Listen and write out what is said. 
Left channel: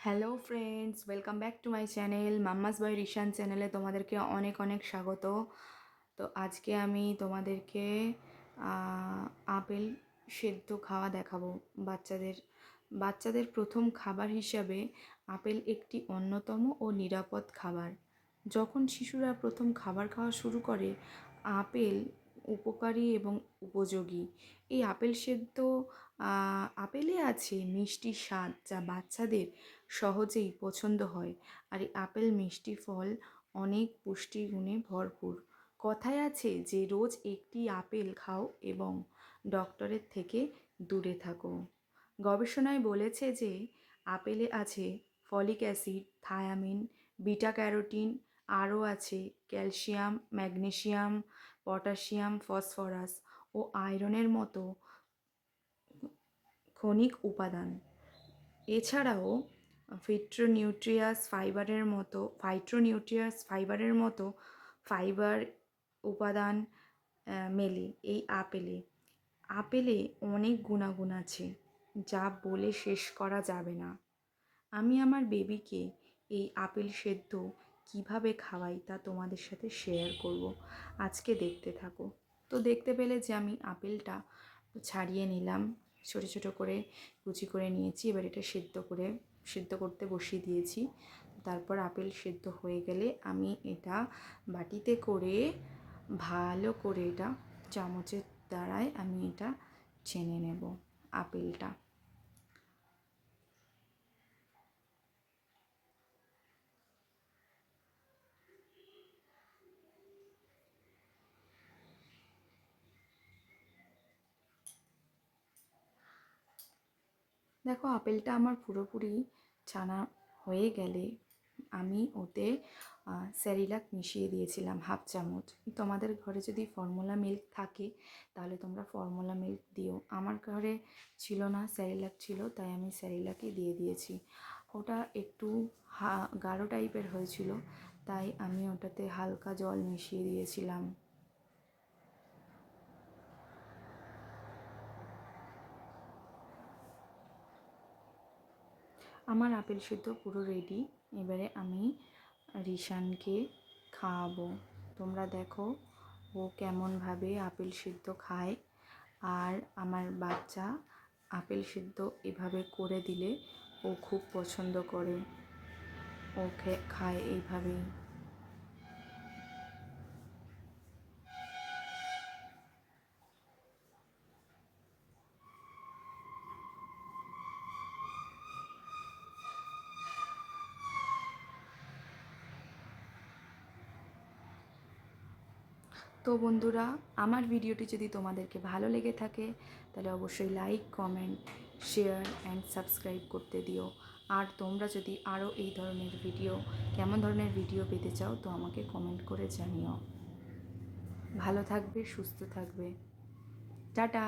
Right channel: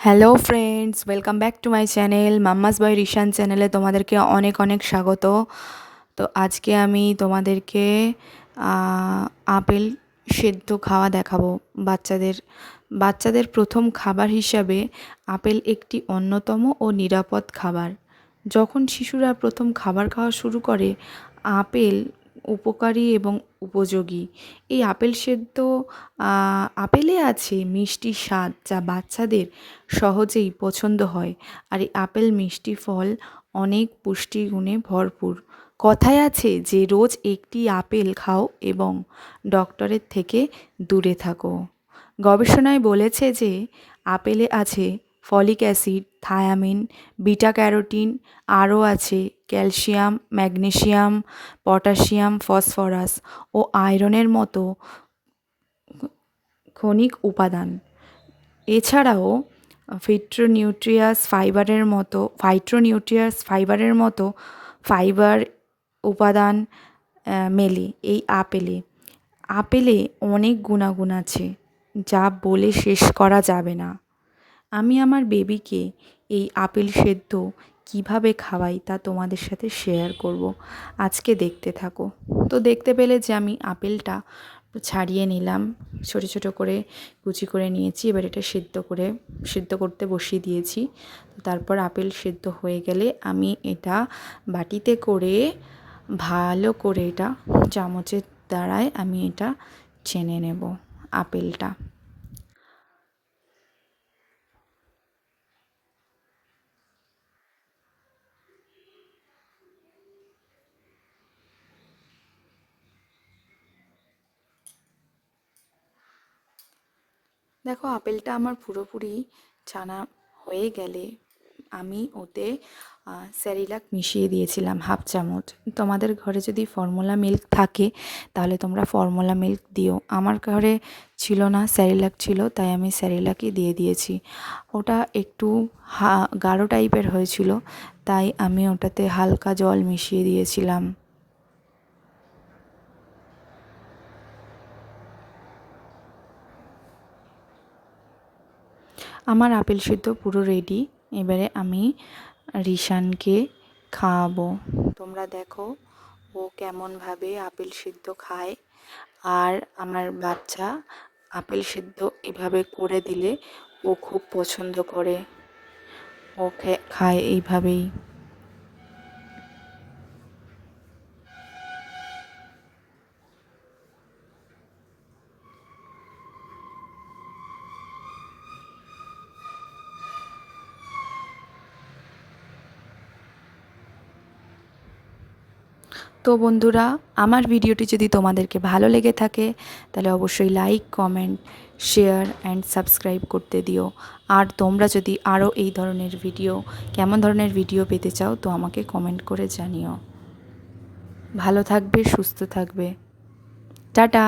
Hello friends, welcome back to my channel mamma's boy Rishan চ্যানেলে তোমাদেরকে অনেক অনেক স্বাগত। তো আজকে আমি তোমাদেরকে আপেল সেদ্ধ খাওয়া দেখাবো। বাচ্চাদের বাচ্চাদের প্রথম খাবার হিসাবে আপেল একটি অন্যতম ও নিরাপদ খাবার। যখন শিশুরা প্রথম খাবার খাওয়া শুরু করে, আপেল উপকারী এবং উপযোগী। এই আপেল সেদ্ধ আপেলে আছে মিষ্টি স্বাদ, যা বাচ্চাদের সহজেই পছন্দ হয়। আর এই আপেল মিষ্টি ফল অনেক পুষ্টিগুণে ভরপুর। কথায় আছে যে রোজ একটি আপেল খাও এবং ডক্টরের থেকে দূরে থাকো। গবেষণায় বলেছে যে আপেলে আছে folic acid, thymine, beta carotene, আরও আছে ক্যালসিয়াম, ম্যাগনেসিয়াম, পটাশিয়াম, ফসফরাস ও আয়রনের মতো খনিক উপাদান। এছাড়াও ফাইটোনিউট্রিয়াস ফাইবারের মতো ফাইবার উপাদান মেলে এই আপেলে। আপেলে অনেক গুণাগুণ আছে, যা বলে শেষ করা যাবে না। আমি আমার বেবিকে এই আপেল সেদ্ধ কিভাবে খাওয়াই তা তোমাদের সাথে শেয়ার করব। আজকে দেখতে থাকো। তো দেখতে পেলে যে আমি আপেলটা ছাড়িয়ে নিলাম, ছোট ছোট করে কুচি করে নিয়েছি। এবার এটা সেদ্ধ করতে বসিয়ে দিয়েছি। তারপর আপেল সেদ্ধ হয়ে গেলে আমি এটা বাটিতে করে ভালো করে এটা চামচের দ্বারায় আমি এটা ছেনে নেব আপেলটা। দেখো, আপেলটা আমার পুরোপুরি ছানা হয়ে গেলে আমি ওতে স্যারিলাক মিশিয়ে দিয়েছিলাম 1/2 চামচ। তোমাদের ঘরে যদি ফর্মুলা মিল্ক থাকে তাহলে তোমরা ফর্মুলা মিল্ক দিও। আমার ঘরে ছিল না, স্যারিলাক ছিল, তাই আমি স্যারিলাকই দিয়ে দিয়েছি। ওটা একটু গাঢ় টাইপের হয়েছিল, তাই আমি ওটাতে হালকা জল মিশিয়ে দিয়েছিলাম। আমার আপেল সিদ্ধ পুরো রেডি। এবারে আমি রিশানকে খাওয়াবো। তোমরা দেখো ও কেমনভাবে আপেল সিদ্ধ খায়। আর আমার বাচ্চা আপেল সিদ্ধ এভাবে করে দিলে ও খুব পছন্দ করে, ও খায় এইভাবেই। তো বন্ধুরা, আমার ভিডিওটি যদি তোমাদেরকে ভালো লেগে থাকে তাহলে অবশ্যই like, comment, share and subscribe করতে দিও। আর তোমরা যদি আরও এই ধরনের ভিডিও, কেমন ধরনের ভিডিও পেতে চাও, তো আমাকে কমেন্ট করে জানিও। ভালো থাকবে, সুস্থ থাকবে। টাটা।